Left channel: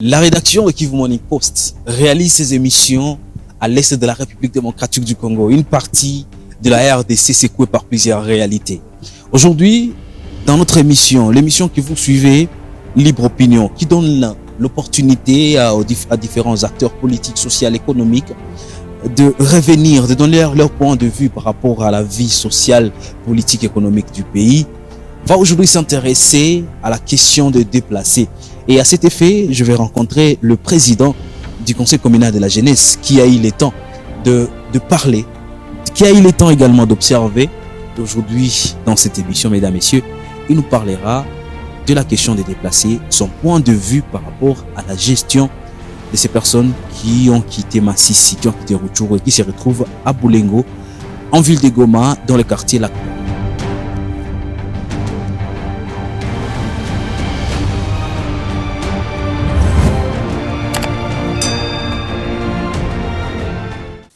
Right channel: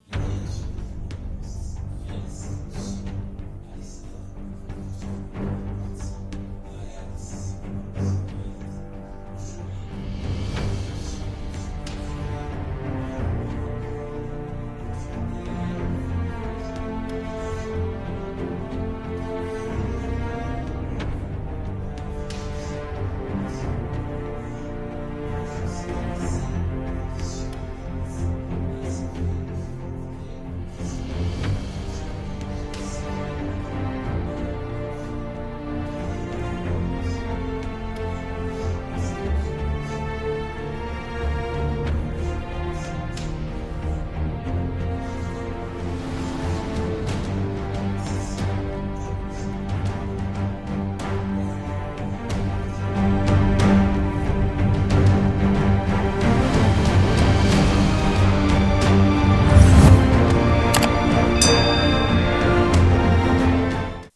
La rédaction de Kivu Morning Post réalise ses émissions à l'est de la République démocratique du Congo. Une partie de la RDC secouée par plusieurs réalités. Aujourd'hui, dans notre émission, l'émission que vous suivez, Libre Opinion, qui donne l'opportunité à différents acteurs politiques, sociaux, économiques de revenir, de donner leur point de vue par rapport à la vie sociale, politique, économique du pays, va aujourd'hui s'intéresser à la question de déplacés. Et à cet effet, je vais rencontrer le président du Conseil communal de la jeunesse qui a eu le temps de parler, qui a eu le temps également d'observer. Aujourd'hui, dans cette émission, mesdames, messieurs, il nous parlera de la question des déplacés, son point de vue par rapport à la gestion de ces personnes qui ont quitté Massissi, qui ont quitté Rutshuru et qui se retrouvent à Boulengo, en ville de Goma, dans le quartier La.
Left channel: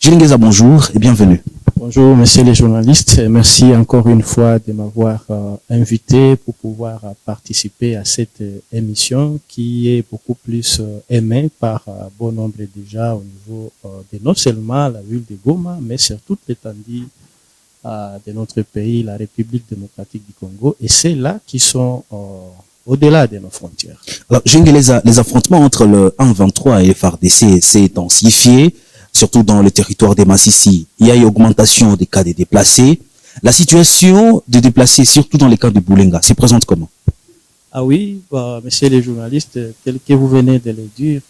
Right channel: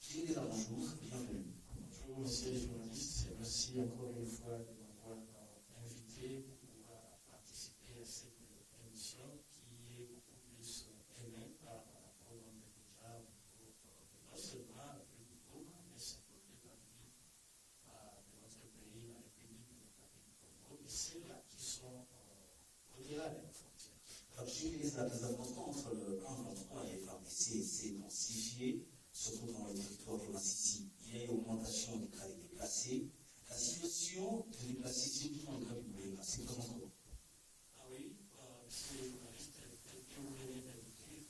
Gilles Ngueza, bonjour et bienvenue. Bonjour, messieurs les journalistes. Merci encore une fois de m'avoir invité pour pouvoir participer à cette émission qui est beaucoup plus aimée par bon nombre déjà au niveau de non seulement la ville de Goma, mais sur toute l'étendue de notre pays, la République démocratique du Congo, et c'est là qui sont au-delà de nos frontières. Alors, Gilles Ngueza, les affrontements entre le 1-23 et le FARDC s'est intensifié, surtout dans le territoire des Massissi. Il y a une augmentation des cas de déplacés. La situation des déplacés, surtout dans les cas de Boulenga, se présente comment? Ah oui, messieurs les journalistes, tel que vous venez de le dire,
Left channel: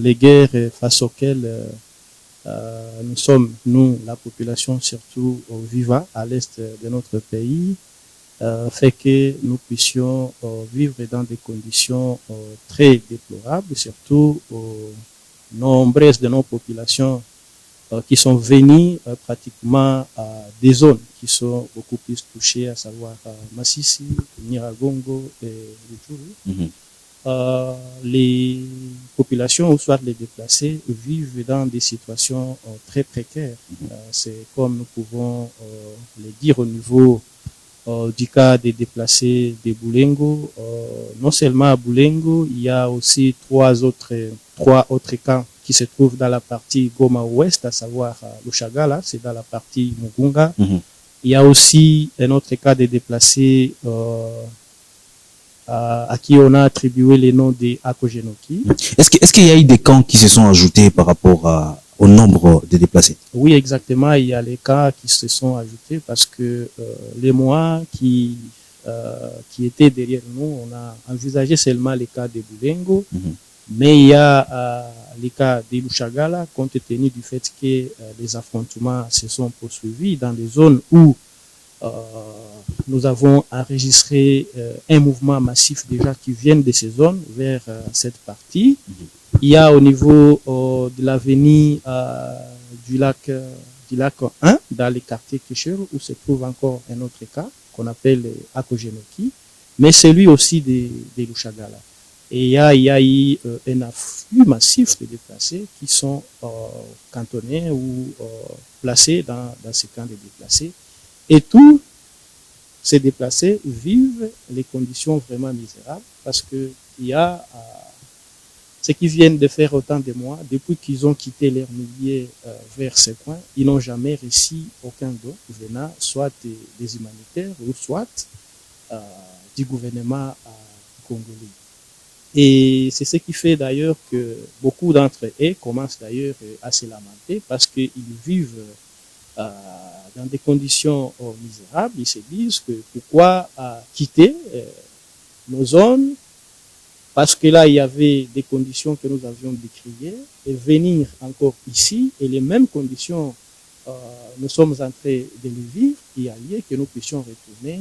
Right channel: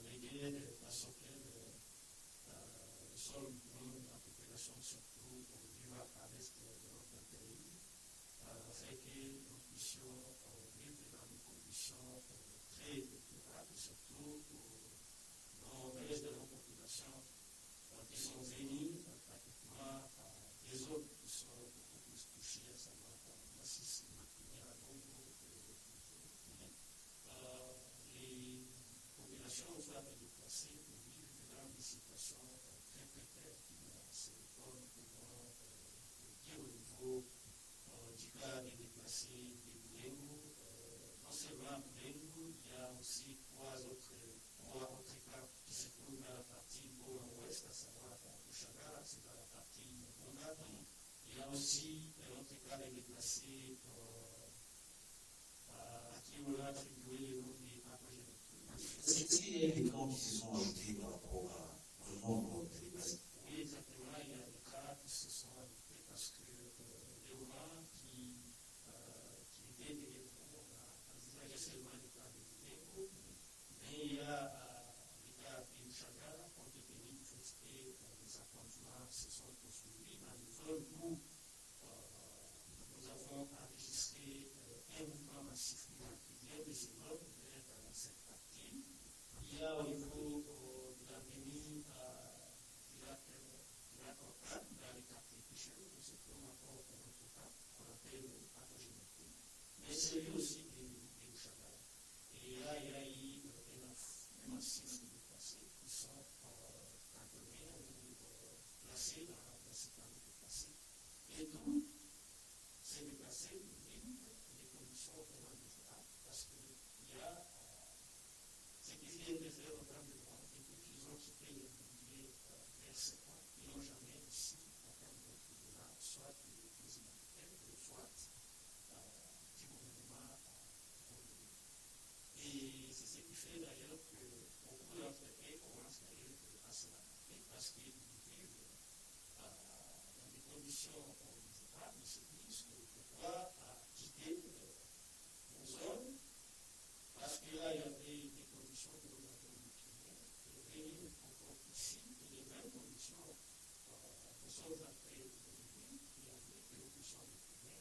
les guerres face auxquelles nous sommes, nous, la population, surtout vivant à l'est de notre pays, fait que nous puissions vivre dans des conditions très déplorables, surtout nombreuses de nos populations qui sont venues pratiquement à des zones qui sont beaucoup plus touchées, à savoir Massissi, Nyiragongo et Rutshuru. Les populations, ou soit les déplacés, vivent dans des situations très précaires. C'est comme nous pouvons le dire au niveau du cas des déplacés de Boulengo. Non seulement à Boulengo, il y a aussi trois autres camps qui se trouvent dans la partie Goma Ouest, à savoir Lushagala, c'est dans la partie Mugunga. Il y a aussi un autre cas de déplacés à qui on a attribué les noms des Akogenoki. Est-ce qu'il y a eu des camps qui se sont ajoutés par rapport au nombre de déplacés? Oui, exactement. Il y a les cas qui se sont ajoutés parce que les mois qui étaient derrière nous, on a envisagé seulement les cas de Boulengo, mais il y a les cas de Lushagala, compte tenu du fait que les affrontements se sont poursuivis dans des zones où nous avons enregistré un mouvement massif déjà qui vient de ces zones vers cette partie. Il y a au niveau de l'avenue du lac 1, dans les quartiers Kesher, où se trouve encore un autre cas qu'on appelle Akogenoki, mais celui aussi de Lushagala. Et il y a eu un afflux massif de déplacés qui sont cantonnés ou placés dans ces camps de déplacés. Et tous ces déplacés vivent les conditions vraiment misérables parce que il y a ceux qui viennent de faire autant de mois, depuis qu'ils ont quitté leur milieu vers ces coins, ils n'ont jamais reçu aucun don venant soit des humanitaires ou soit du gouvernement congolais. Et c'est ce qui fait d'ailleurs que beaucoup d'entre eux commencent d'ailleurs à se lamenter parce qu'ils vivent dans des conditions misérables. Ils se disent que pourquoi quitter nos zones, parce que là il y avait des conditions que nous avions décriées, et venir encore ici, et les mêmes conditions nous sommes en train de les vivre, il y a lieu que nous puissions retourner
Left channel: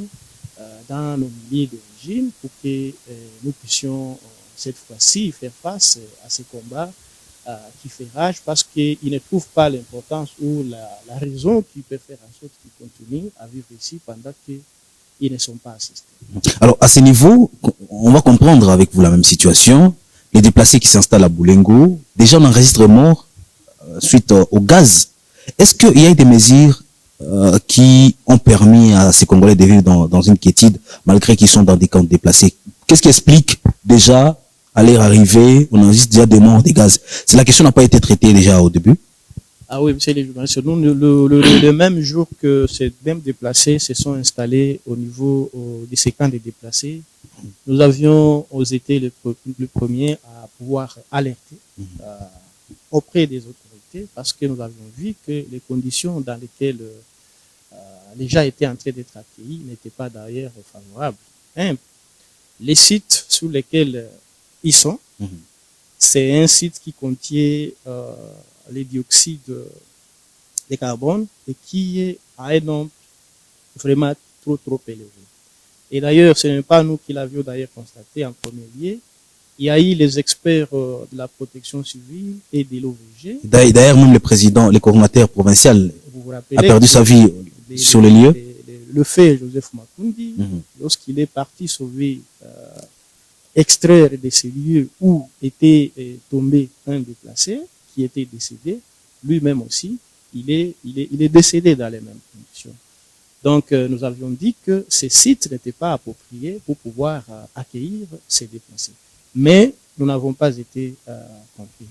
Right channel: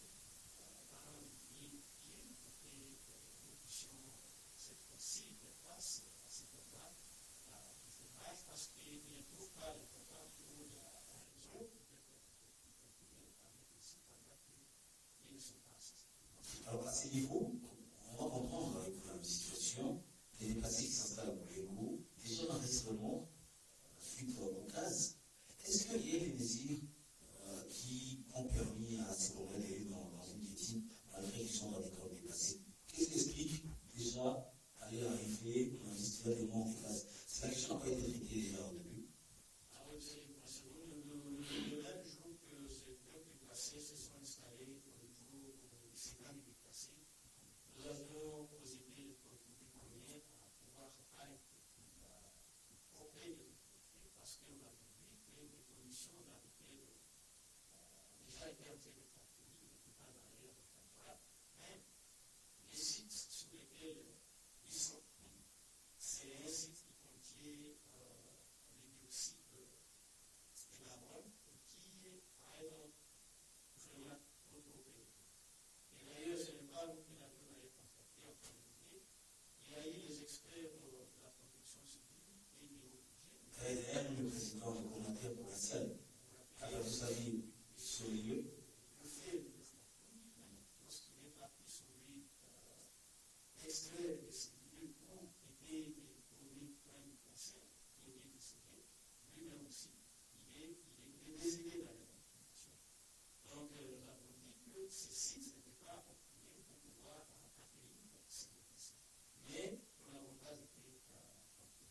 dans nos milieux d'origine pour que nous puissions cette fois-ci faire face à ces combats qui fait rage parce qu'ils ne trouvent pas l'importance ou la raison qui peut faire en sorte qu'ils continuent à vivre ici pendant qu'ils ne sont pas assistés. Alors, à ce niveau, on va comprendre avec vous la même situation. Les déplacés qui s'installent à Boulengo, déjà on enregistre morts suite au gaz. Est-ce qu'il y a eu des mesures qui ont permis à ces Congolais de vivre dans une quiétude malgré qu'ils sont dans des camps de déplacés? Qu'est-ce qui explique déjà à leur arrivée, on enregistre déjà des morts, des gaz. La question n'a pas été traitée déjà au début. Ah oui, monsieur le journaliste, nous, le même jour que ces mêmes déplacés se sont installés au niveau de ces camps de déplacés, nous avions été le premier à pouvoir alerter auprès des autorités parce que nous avions vu que les conditions dans lesquelles les gens étaient en train d'être accueillis n'étaient pas d'ailleurs favorables. Les sites sur lesquels ils sont, c'est un site qui contient les dioxydes de carbone et qui est à un nombre vraiment trop élevé. Et d'ailleurs, ce n'est pas nous qui l'avions d'ailleurs constaté en premier lieu. Il y a eu les experts de la protection civile et de l'OVG. D'ailleurs, même le président, le coordinateur provincial a perdu sa vie sur le lieu. Le fait, Joseph Makundi, lorsqu'il est parti sauver, extraire de ces lieux où était tombé un déplacé qui était décédé, lui-même aussi, il est décédé dans les mêmes conditions. Donc, nous avions dit que ces sites n'étaient pas appropriés pour pouvoir accueillir ces déplacés. Mais nous n'avons pas été compris.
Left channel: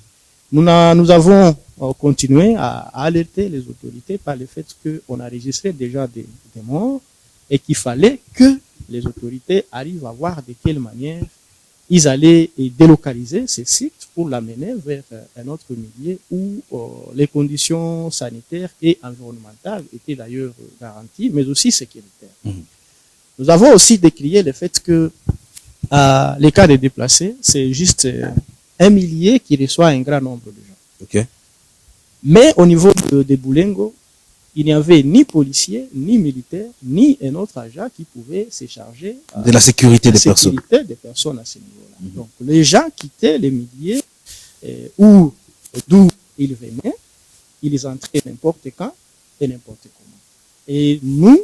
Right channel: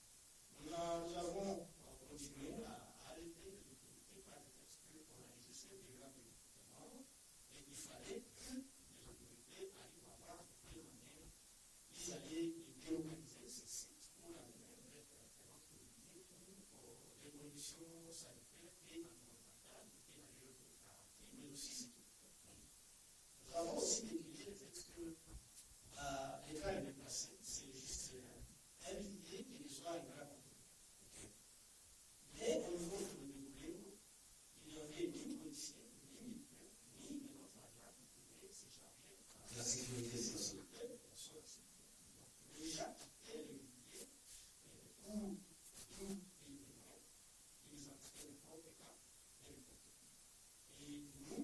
Nous avons continué à alerter les autorités par le fait qu'on a enregistré déjà des morts et qu'il fallait que les autorités arrivent à voir de quelle manière ils allaient délocaliser ces sites pour l'amener vers un autre milieu où les conditions sanitaires et environnementales étaient d'ailleurs garanties, mais aussi sécuritaires. Nous avons aussi décrié le fait que les cas de déplacés, c'est juste un millier qui reçoit un grand nombre de gens. Okay. Mais au niveau de Boulengo, il n'y avait ni policiers, ni militaires, ni un autre agent qui pouvait se charger de la sécurité des personnes. À ce niveau-là. Donc, les gens quittaient les milliers d'où ils venaient, ils entraient n'importe quand et n'importe comment. Et nous,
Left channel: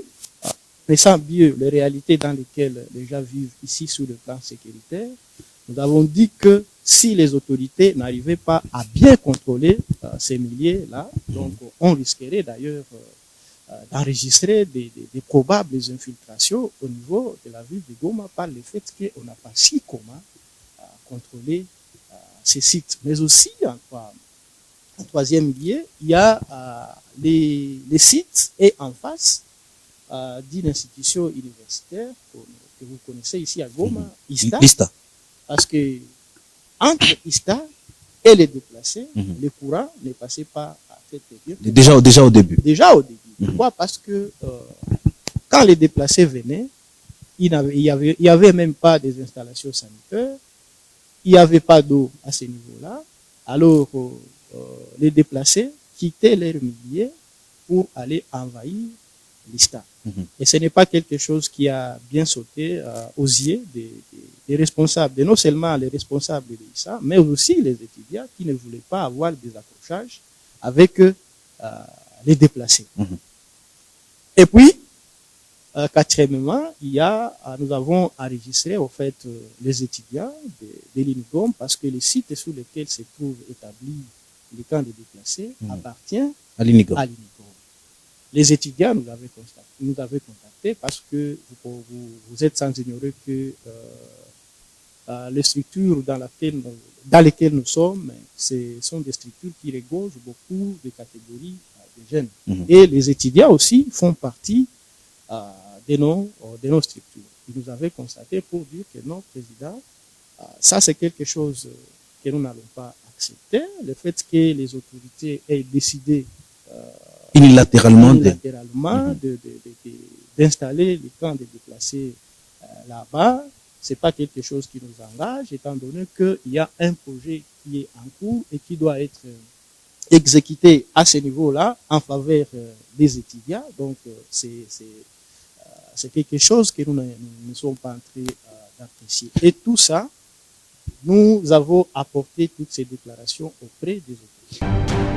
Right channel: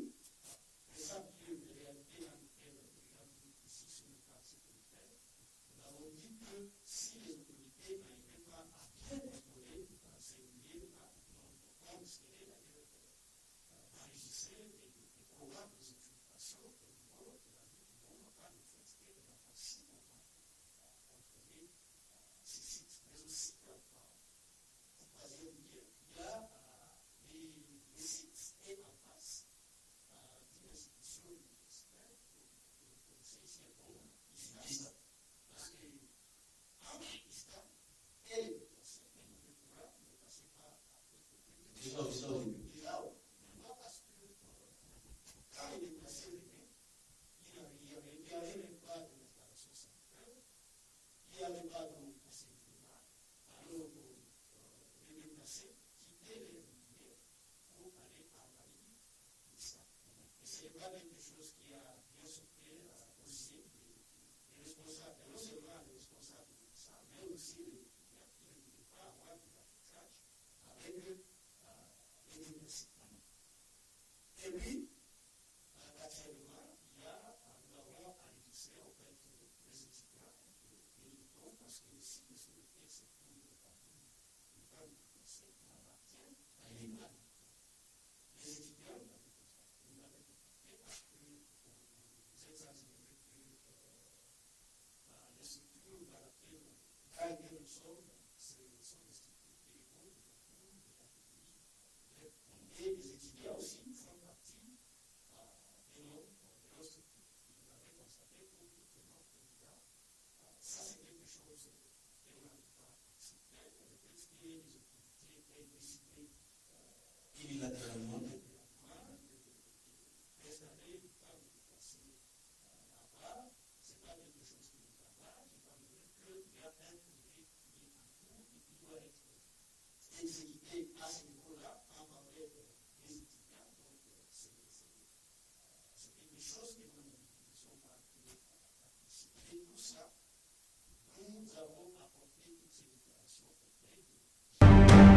connaissant bien les réalités dans lesquelles les gens vivent ici sur le plan sécuritaire, nous avons dit que si les autorités n'arrivaient pas à bien contrôler ces milliers-là, donc on risquerait d'ailleurs d'enregistrer des probables infiltrations au niveau de la ville de Goma par le fait qu'on n'a pas si comment contrôler ces sites. Mais aussi, en troisième lieu, il y a les sites et en face d'une institution universitaire que vous connaissez ici à Goma, ISTA. Parce que entre ISTA et les déplacés, le courant ne passait pas à cette période. Déjà au début. Déjà au début. Pourquoi? Parce que quand les déplacés venaient, il n'y avait même pas des installations sanitaires, il n'y avait pas d'eau à ce niveau-là. Alors, les déplacés quittaient leur milieu pour aller envahir l'ISTA. Et ce n'est pas quelque chose qui a bien sauté aux yeux des responsables, non seulement les responsables de l'ISTA, mais aussi les étudiants qui ne voulaient pas avoir des accrochages avec les déplacés. Et puis, quatrièmement, nous avons enregistré au fait les étudiants de l'UNICOM parce que le site sur lequel se trouve établi le camp des déplacés appartient à l'UNICOM. Les étudiants nous avaient contacté parce que vous êtes sans ignorer que les structures dans lesquelles nous sommes, ce sont des structures qui regroupent beaucoup de catégories de jeunes. Et les étudiants aussi font partie de nos structures. Ils nous avaient constaté pour dire que non, président, ça c'est quelque chose que nous n'allons pas accepter. Le fait que les autorités aient décidé unilatéralement d'installer les camps de déplacés là-bas, c'est pas quelque chose qui nous engage, étant donné qu'il y a un projet qui est en cours et qui doit être exécuté à ce niveau-là en faveur des étudiants. Donc, c'est quelque chose que nous ne sommes pas en train d'apprécier. Et tout ça, nous avons apporté toutes ces déclarations auprès des autorités.